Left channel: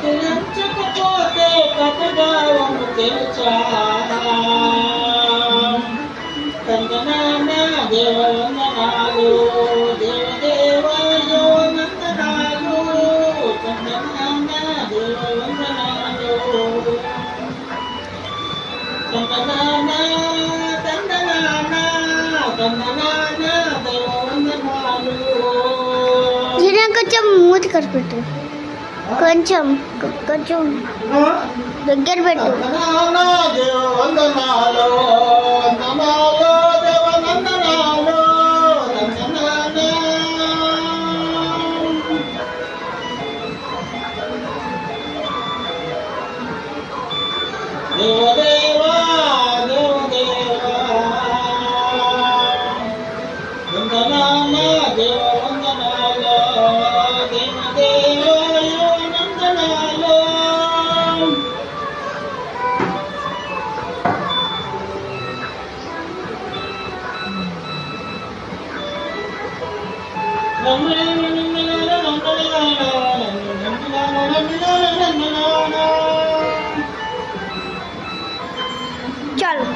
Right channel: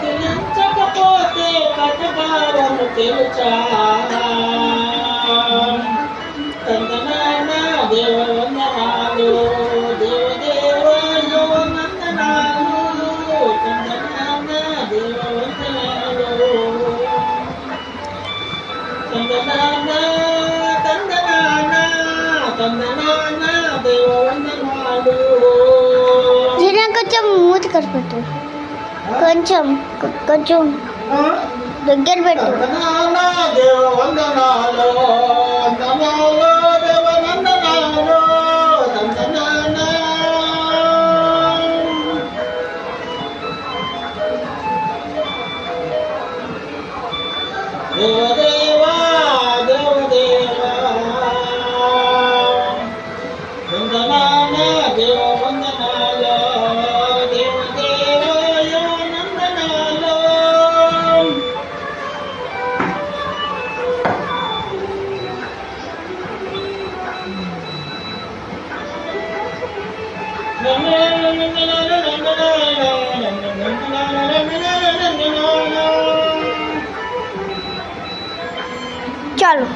కదిలించకపోతే ప్రతిభావము తెలుచా తందనానా దేవవందనాలు దేవదేవాయో నందనాలు తందనానా దేవవందనాలు తందనానా తందనానా తందనానా దేవవందనాలు. కొంచెం మూతి కట్టు కొంచెం కొంచెం దగ్గర పెట్టు. దేవదేవా దేవదేవా వందనామ దేవవందనాలు దేవదేవాయో నందనాలు. చాలు.